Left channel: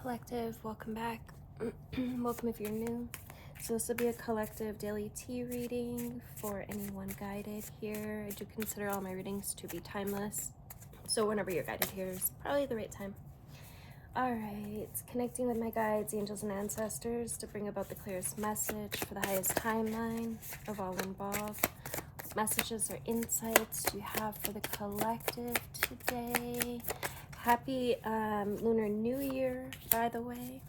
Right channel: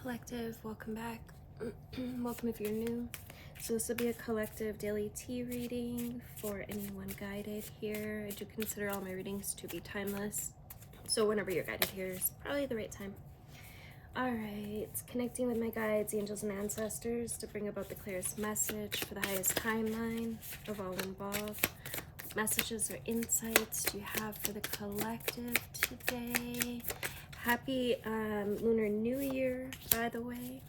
Collective, welcome back. Welcome if you're new. So this will be a collective daily tea reading for anyone guided here. I do consider all my readings to be timeless, so whenever you're guided here is probably the right time. Alright, connecting with my guides, angels, and ancestors to bring about the clearest message for the highest timeline of all involved. What messages or insights do you have for the collective today? Happy Lunar New Year, by the way.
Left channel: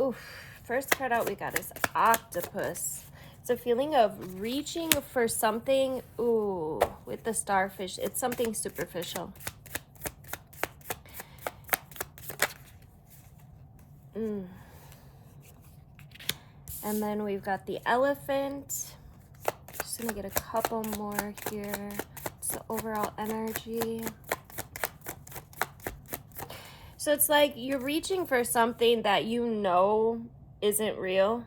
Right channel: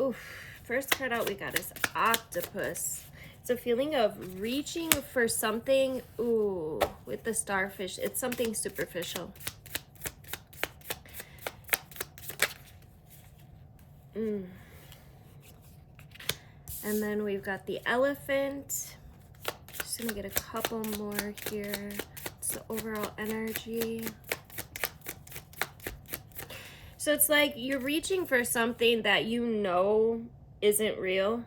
Oof, first card out we got is Octopus. It's a feeling of reaching for something, ooh, with the starfish. It's something superficial. And then we've got the Elephant. Just gonna get a couple more here. It's the overall energy. So it's like you're reaching for something that you know isn't real.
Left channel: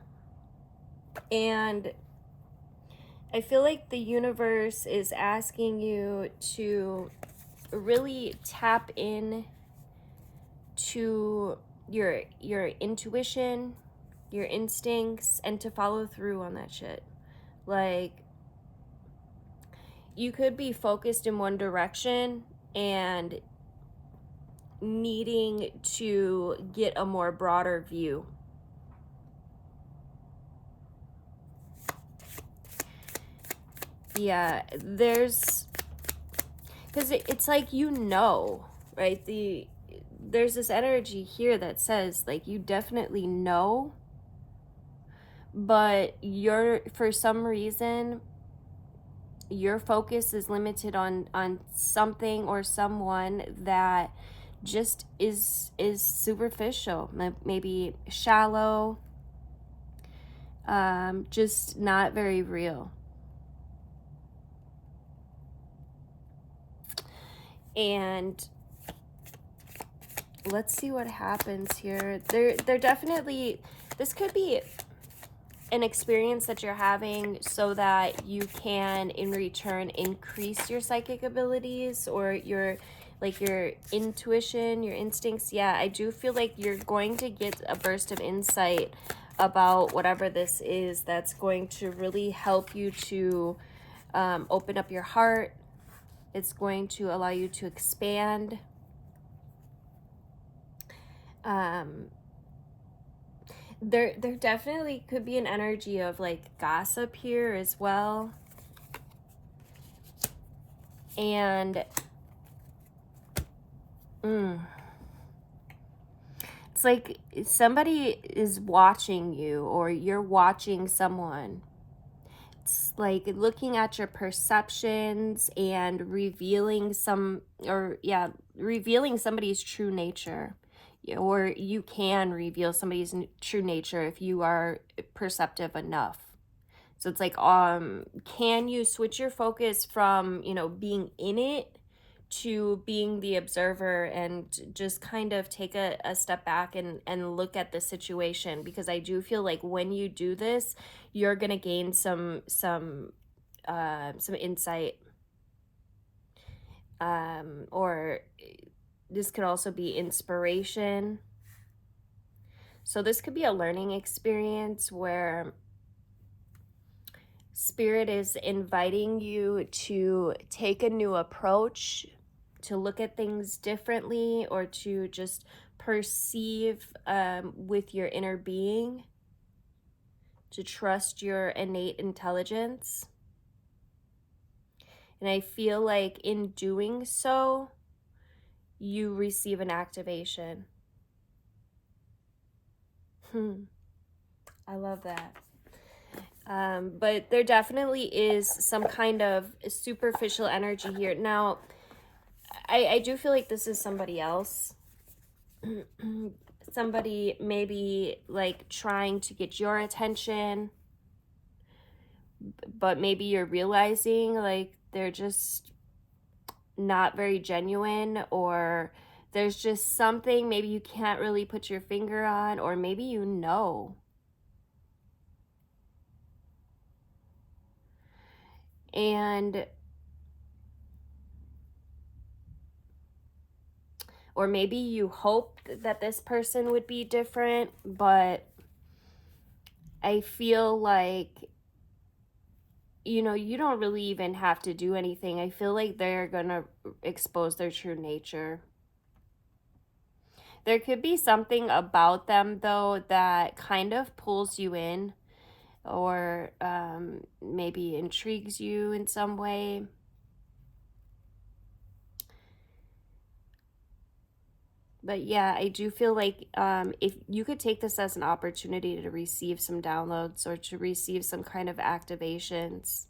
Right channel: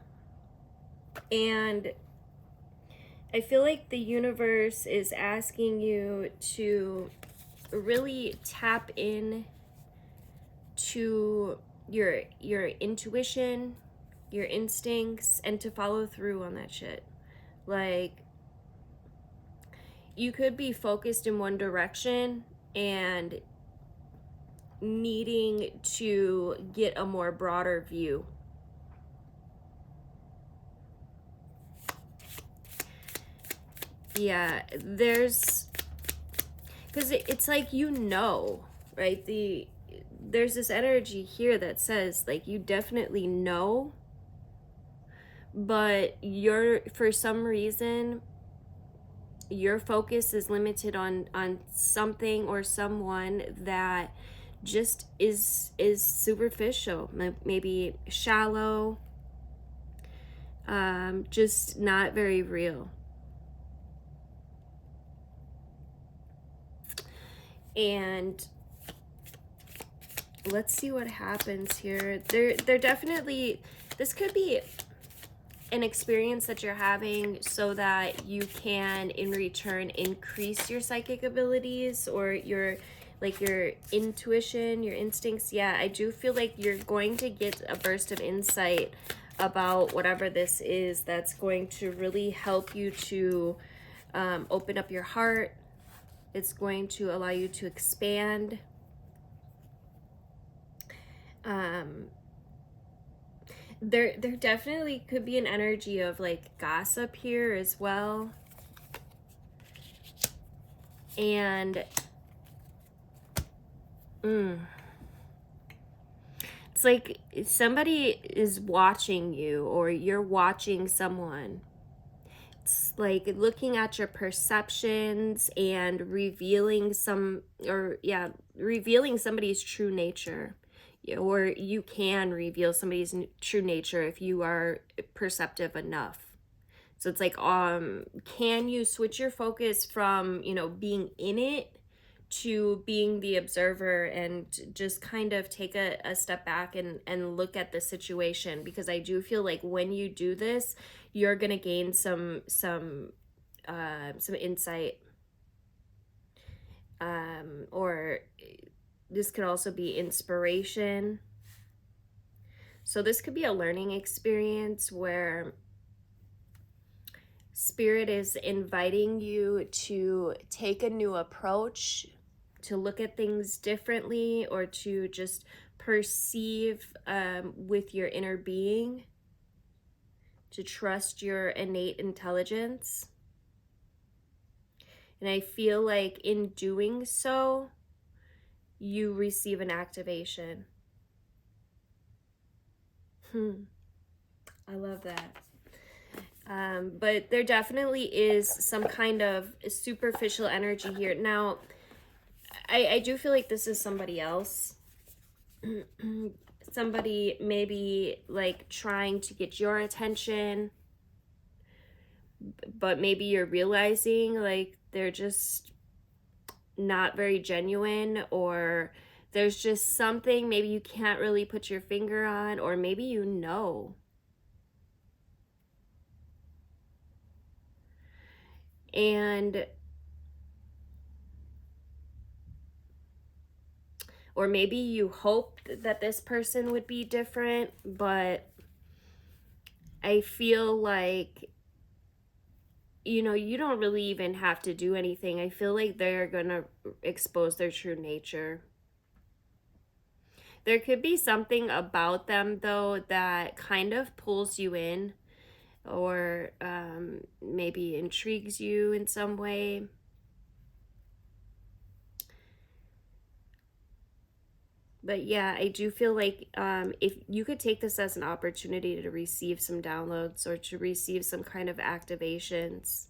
And I feel like the universe is asking you to really tap in to your intuition, your instincts, and to follow through on that shit. Like, you could be focused in one direction and needing to get a more broader view. Yeah, there's, because it's like, you know, right? There's this energy here that says, like, you definitely know, but for some reason, your focus is limited on something or someone that just is superficial, maybe shallow, just not very real. And let's see what happens here. They're definitely, this could be an experience that you're having so that you can in return increase your psychic abilities or your intuition, your instincts. Yeah, I do feel like you're going to get a burst of insight about whatever this is that's going to really help you to open up your heart. It's going to allow you to expand. There definitely could be an energy of like gossip here as well. And it's like somebody is watching you or you're watching someone. It's like looking at your perceptions and revealing revealing somebody's true nature. Or you can reveal somebody's true nature if you are perceptive enough. So it's like, can you switch your focus from, being in it to being the observer and just kind of take a step back and look at the situation? Because I do feel like when you do this, you're going to gain some insight. Or this could also be inspiration. So this could be a learning experience where Spirit is inviting you to take a new approach, to look at things differently, or to just perceive with your inner being, to trust your innate intelligence. And I feel like in doing so, you receive an activation. I love that. But there definitely is some kind of superficial energy here. Now, I do feel like this is somebody else. Somebody maybe like trying to get your attention, but maybe you're realizing like they're just not very genuine, or there's just something maybe you can't really put your finger on, or maybe you know. And or maybe you hoped that this person would be different, but I feel like, you know, you don't really even have to do anything. I feel like they're gonna expose their true nature. There could be something about them, though, that kind of pulls you in, or maybe intrigues you in some way. But yeah, I do feel like if you could take this as an opportunity to receive some downloads or to receive some kind of activations.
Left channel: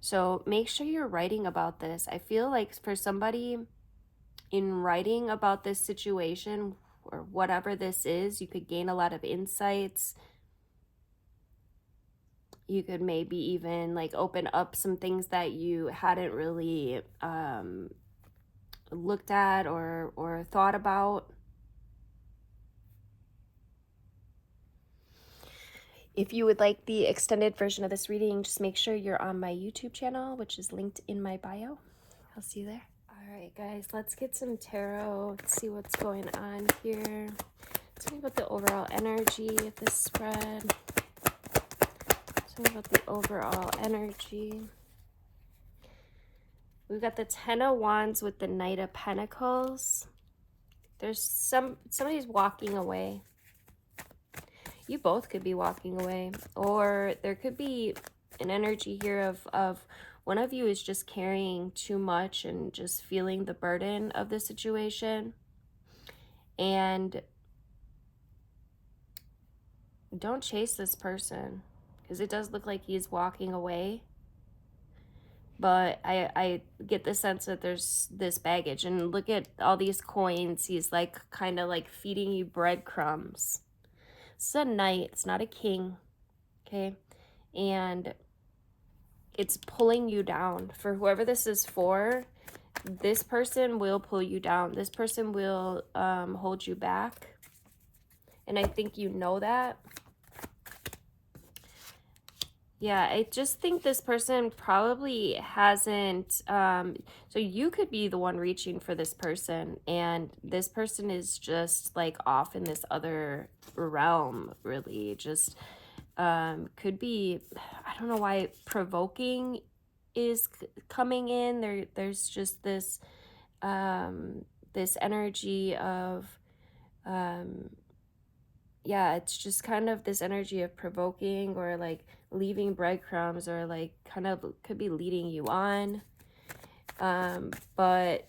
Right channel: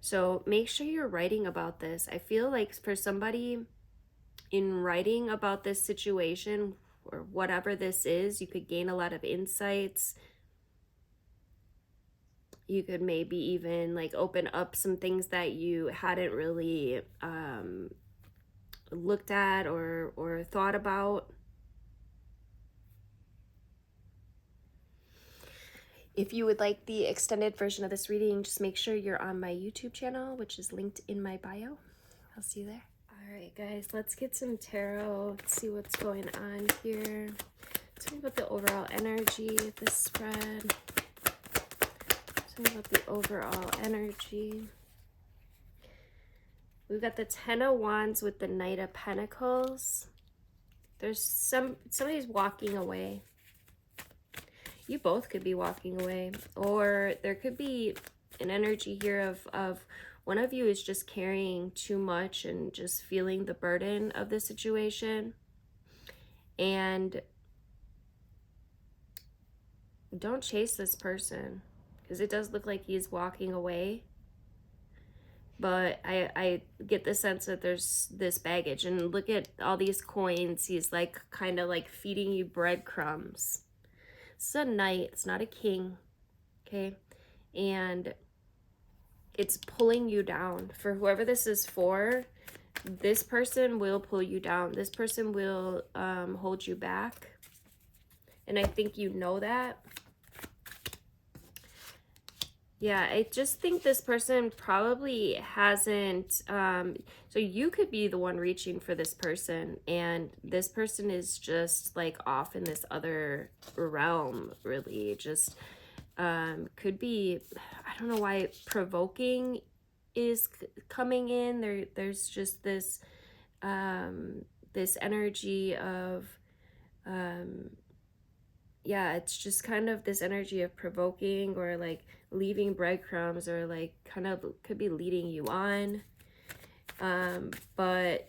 So make sure you're writing about this. I feel like for somebody, in writing about this situation or whatever this is, you could gain a lot of insights. You could maybe even like open up some things that you hadn't really looked at or thought about. If you would like the extended version of this reading, just make sure you're on my YouTube channel, which is linked in my bio. I'll see you there. All right, guys, let's get some tarot. Let's see what's going on here. Tell me about the overall energy of this spread. Tell me about the overall energy. We've got the Ten of Wands with the Knight of Pentacles. There's somebody's walking away. You both could be walking away, or there could be an energy here of one of you is just carrying too much and just feeling the burden of the situation. And don't chase this person, because it does look like he's walking away. But I get the sense that there's this baggage, and look at all these coins. He's like kind of like feeding you breadcrumbs. It's a knight, it's not a king, okay? And it's pulling you down. For whoever this is for, this person will pull you down. This person will hold you back. And I think you know that. Yeah, I just think this person probably hasn't, so you could be the one reaching for this person, and this person is just like off in this other realm, really. Just could be, I don't know why provoking is coming in. There's just this, this energy of, yeah, it's just kind of this energy of provoking, or like leaving breadcrumbs, or like kind of could be leading you on. But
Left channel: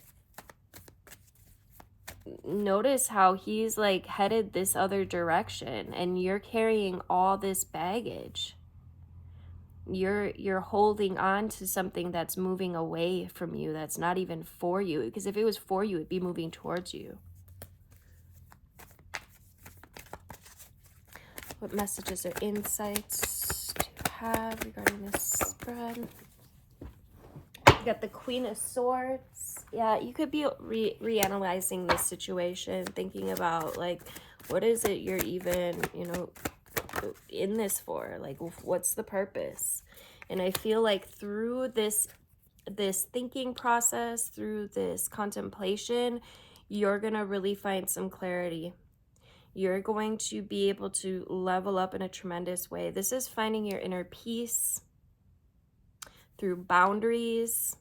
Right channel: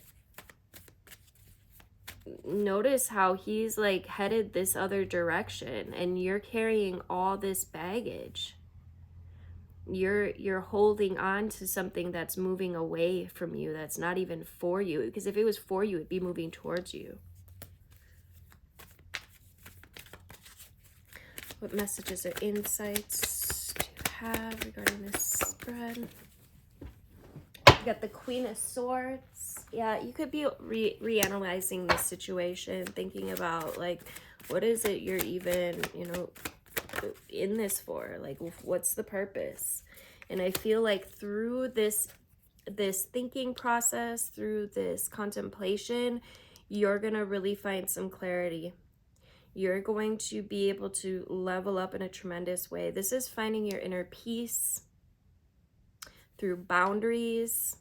notice how he's like headed this other direction, and you're carrying all this baggage. You're holding on to something that's moving away from you, that's not even for you, because if it was for you, it'd be moving towards you. What messages or insights do you have regarding this spread? You got the Queen of Swords. Yeah, you could be reanalyzing this situation, thinking about like, what is it you're even, you know, in this for? Like, what's the purpose? And I feel like through this thinking process, through this contemplation, you're gonna really find some clarity. You're going to be able to level up in a tremendous way. This is finding your inner peace through boundaries,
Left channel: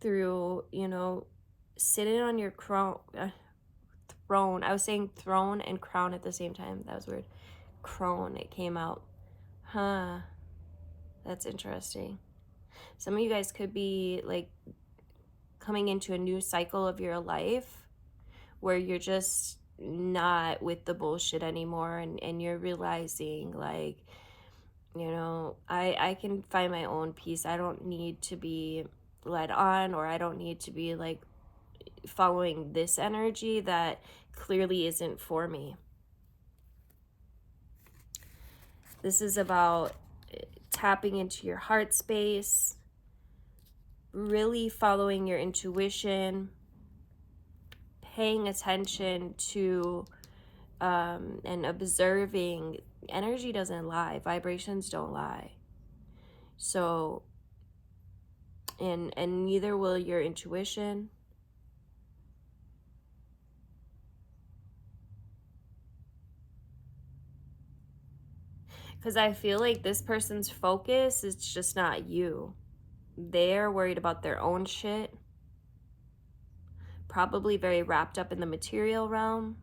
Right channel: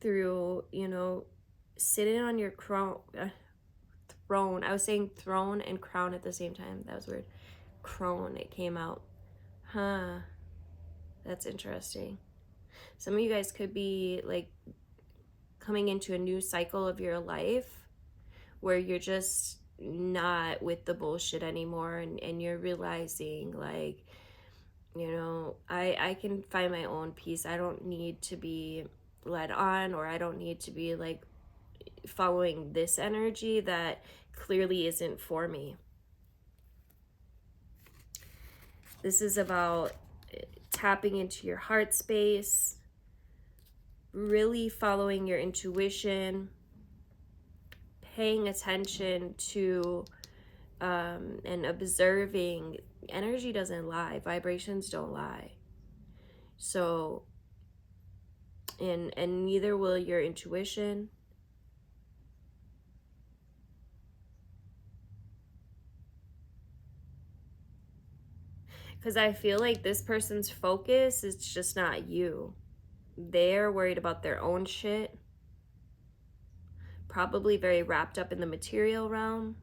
through, you know, sitting on your throne. I was saying throne and crown at the same time. That was weird. Crone, it came out. Huh. That's interesting. Some of you guys could be like coming into a new cycle of your life where you're just not with the bullshit anymore, and you're realizing like, you know, I can find my own peace. I don't need to be led on, or I don't need to be like following this energy that clearly isn't for me. This is about tapping into your heart space, really following your intuition, paying attention to and observing. Energy doesn't lie, vibrations don't lie. So, and neither will your intuition. Because I feel like this person's focus is just not you. They're worried about their own shit. Probably very wrapped up in the material realm,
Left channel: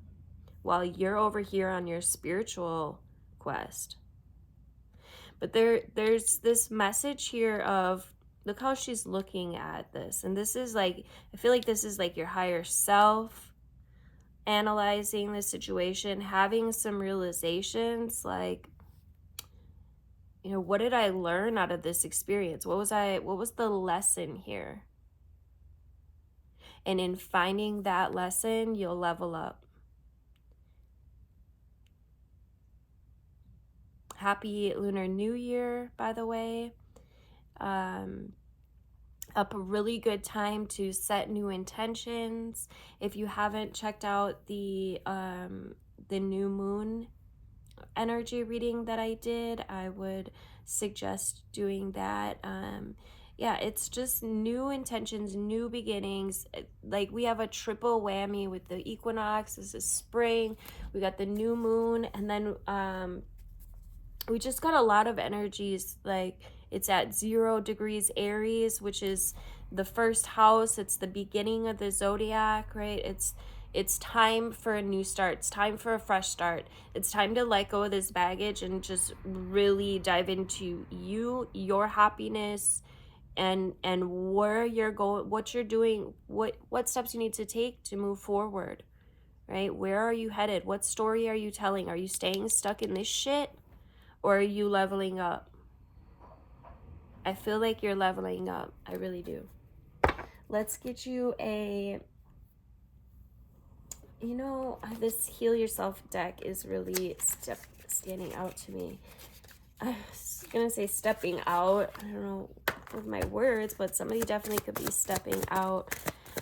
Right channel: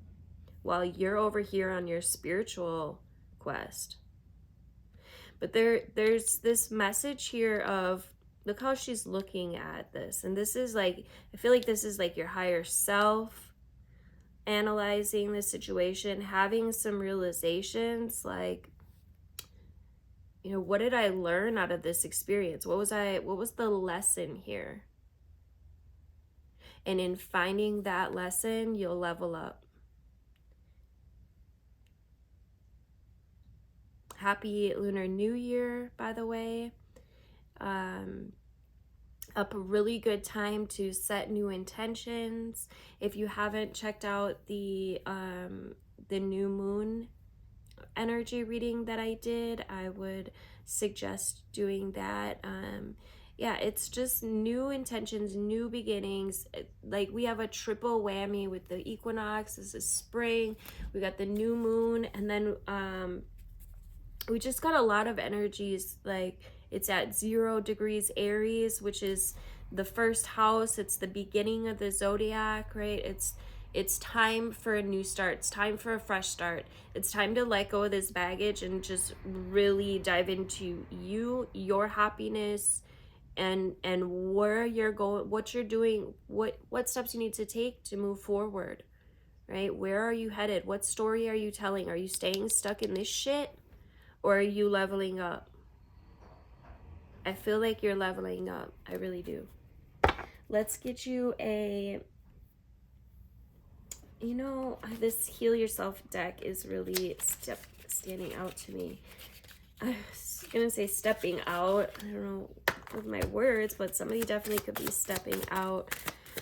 while you're over here on your spiritual quest. But there's this message here of, look how she's looking at this. And this is like, I feel like this is like your higher self analyzing the situation, having some realizations like, you know, what did I learn out of this experience? What was the lesson here? And in finding that lesson, you'll level up. Happy Lunar New Year, by the way. A really good time to set new intentions. If you haven't checked out the new moon energy reading that I did, I would suggest doing that. Yeah, it's just new intentions, new beginnings. Like, we have a triple whammy with the equinox. This is spring. We got the new moon, and then we just got a lot of energies. Like, it's at 0 degrees Aries, which is the first house. It's the beginning of the zodiac, right? It's time for a new start. It's time for a fresh start. It's time to let go of this baggage and just really dive into you, your happiness, and where you're going, what you're doing, what steps you need to take to move forward, right? Where are you headed? What story are you telling? Are you staying stuck in this shit, or are you leveling up? I feel like you're leveling up. I really do. Let's get you a, you know, this Heal Yourself deck is really standing out to me. I was gonna say stepping out. I don't know with my words, but somebody definitely could be stepping out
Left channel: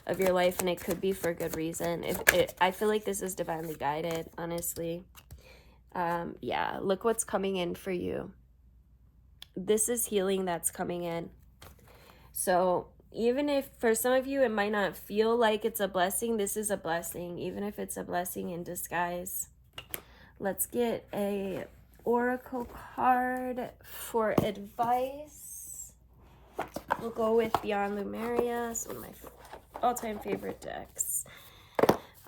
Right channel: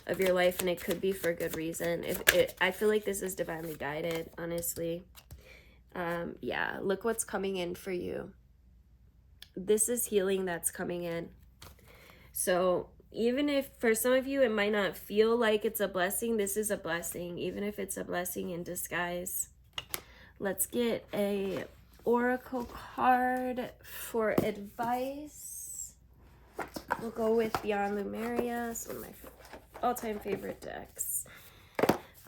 of your life, and it could be for good reason. I feel like this is divinely guided, honestly. Yeah, look what's coming in for you. This is healing that's coming in. So even if for some of you it might not feel like it's a blessing, this is a blessing, even if it's a blessing in disguise. Let's get a oracle card for advice. We'll go with Beyond Lemuria, some of my all-time favorite decks.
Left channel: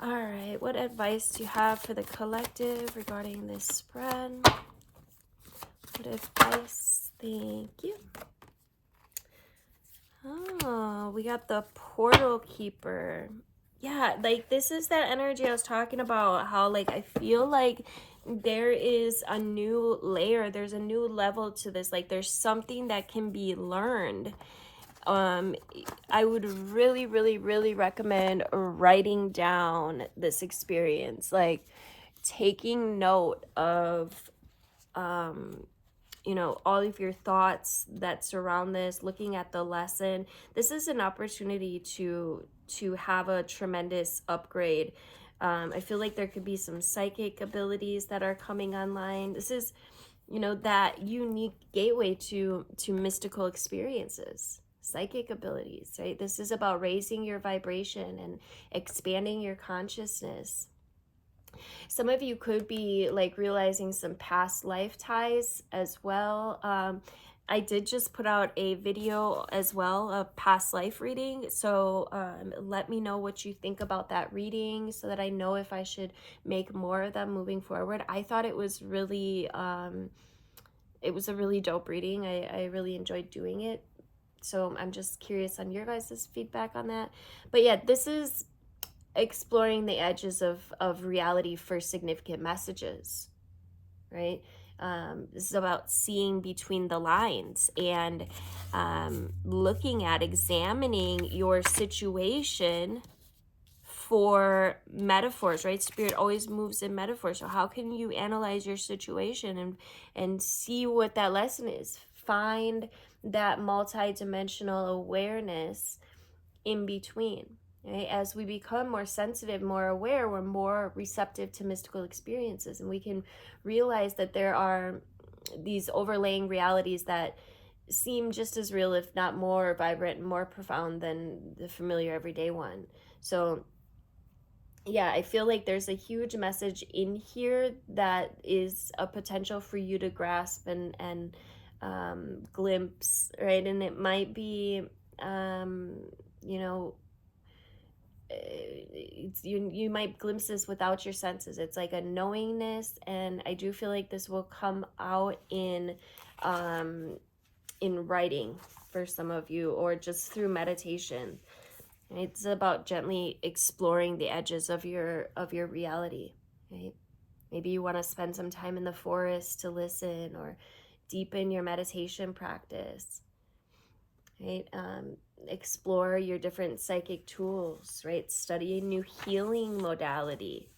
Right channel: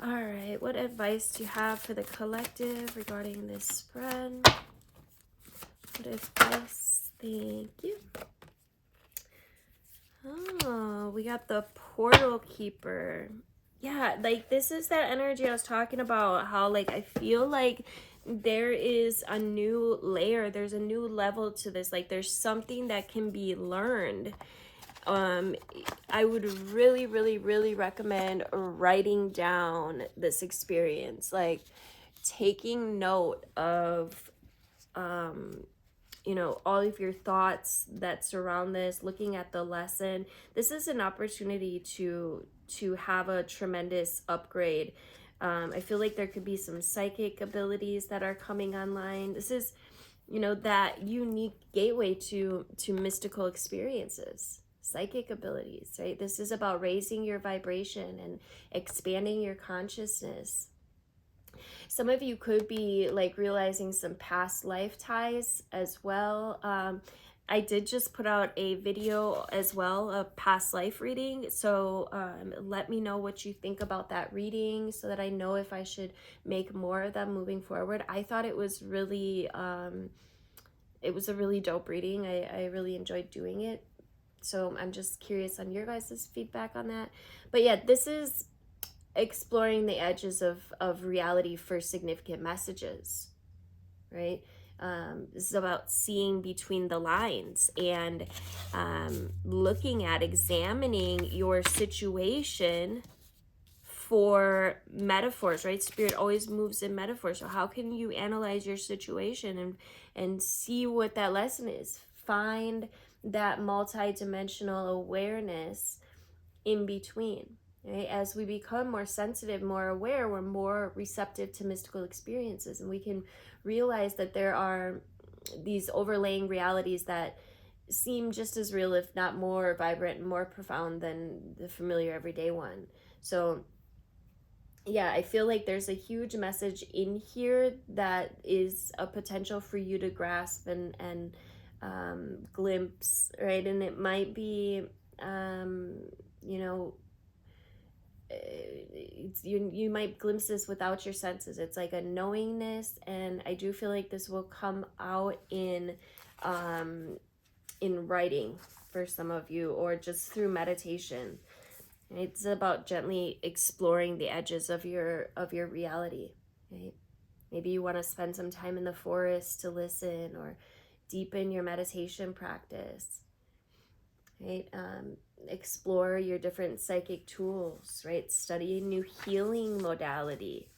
All right, what advice do you have for the collective regarding this spread? What advice? Thank you. Oh, we got the Portal Keeper. Yeah, like, this is that energy I was talking about, how, like, I feel like there is a new layer, there's a new level to this. Like, there's something that can be learned. I would really, really, really recommend writing down this experience, like taking note of, you know, all of your thoughts that surround this, looking at the lesson. This is an opportunity to have a tremendous upgrade. I feel like there could be some psychic abilities that are coming online. This is, you know, that unique gateway to mystical experiences, psychic abilities, right? This is about raising your vibration and expanding your consciousness. Some of you could be like realizing some past life ties as well. I did just put out a video as well, a past life reading. So let me know what you think about that reading so that I know if I should make more of them moving forward. I thought it was really, it was a really dope reading. I really enjoyed doing it. So I'm just curious on your guys' feedback on that. But yeah, this is exploring the edges of reality for significant messages, right? This is about seeing between the lines and looking at, examining your situation for metaphors, right? Spirit always moves in metaphors. So how can you analyze your situation and see what that lesson is? Find that multi-dimensional awareness in between. Right? As we become more sensitive, more aware, we're more receptive to mystical experiences, and we can realize that there are these overlaying realities that seem just as real, if not more vibrant and more profound than the familiar everyday one. So yeah, I feel like there's a huge message in here that is a potential for you to grasp and glimpse, right? And it might be, you know, you might glimpse this without your senses. It's like a knowingness, and I do feel like this will come out in writing for some of you, or just through meditation. It's about gently exploring the edges of your reality, right? Maybe you want to spend some time in the forest to listen, or deepen your meditation practice, right? Explore your different psychic tools, right? Study a new healing modality,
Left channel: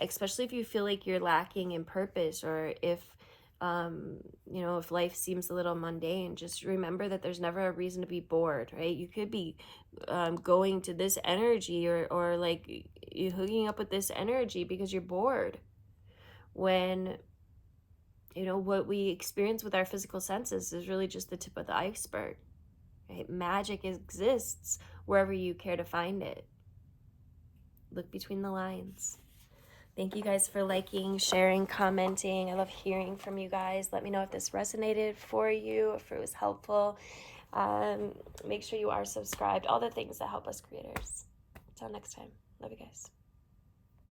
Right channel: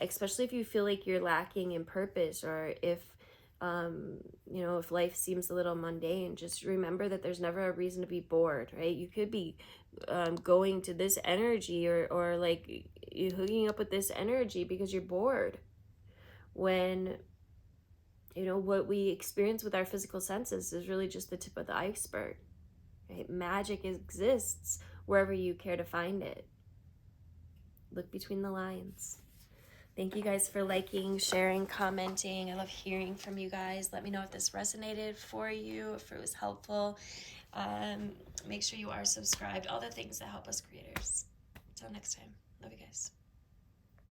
especially if you feel like you're lacking in purpose, or if you know, if life seems a little mundane. Just remember that there's never a reason to be bored, right? You could be going to this energy, or like you hooking up with this energy because you're bored, when, you know, what we experience with our physical senses is really just the tip of the iceberg, right? Magic exists wherever you care to find it. Look between the lines. Thank you guys for liking, sharing, commenting. I love hearing from you guys. Let me know if this resonated for you, if it was helpful. Make sure you are subscribed. All the things that help us creators. Until next time. Love you guys.